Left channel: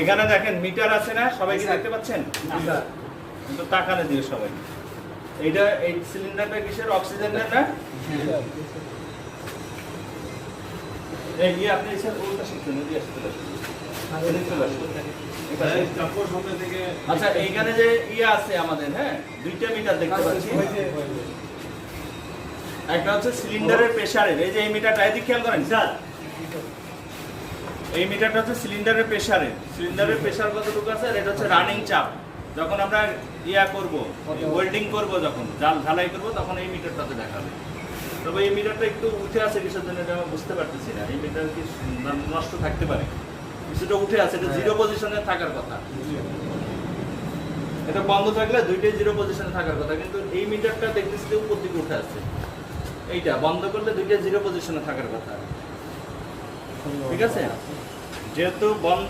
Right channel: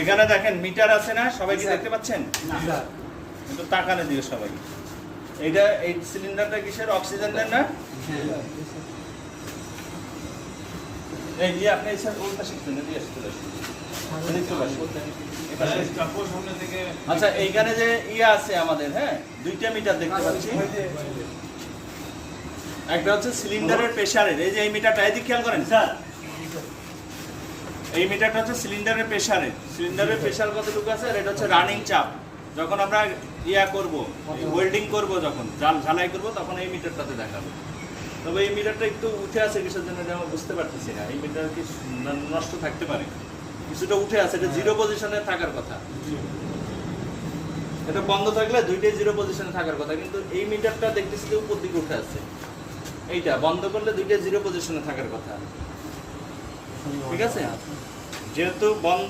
এখানে দেখেন মিটার আছে না, সবাই কি দেখতে পাচ্ছেন? কিন্তু তাকানে দিও সবাই। এইটা এই সিলিন্ডারটা কিসের? অক্সিজেনের না? এই দিয়ে আপনি এসে ওটা শিখতে না দিয়ে আসতে পারেন। আচ্ছা এইখানে যে ইয়া আছে আমাদের, হ্যাঁ দুইটা মিটার দেখতে পাচ্ছি। একটা হচ্ছে সিলিন্ডারের প্রেসারের, এই যে এই মিটারটা এদিকে খেয়াল করেন স্যার, এই মিটারটা হচ্ছে সিলিন্ডারের প্রেসারের। সিলিন্ডারের প্রেসার কতটুকু আছে, এটা হচ্ছে রানিং চাপ। যখন আমরা ইয়া করব, ওয়েল্ডিং করব, যখন ঝালাই করব, তখন এই মিটারটাতে দেখাবে। তবে এই মিটারটা একটু উঠে আছে কিসের জন্য এটা আমি বুঝতে পারতেছি না। এই মিটার কি নষ্ট থাকতে পারে? কিছুটা উঠে আছে, এটা জিরো পজিশনে থাকার কথা। এটা বন্ধ থাকলে দুইটাই জিরো পজিশনে থাকার কথা, কিন্তু এই মিটারটা দেখতেছি যে উপর দিকে উঠে আছে। এইটা বন্ধ করলে দুইটাই জিরো পজিশনে থাকার কথা। ঠিক আছে, যেহেতু বন্ধ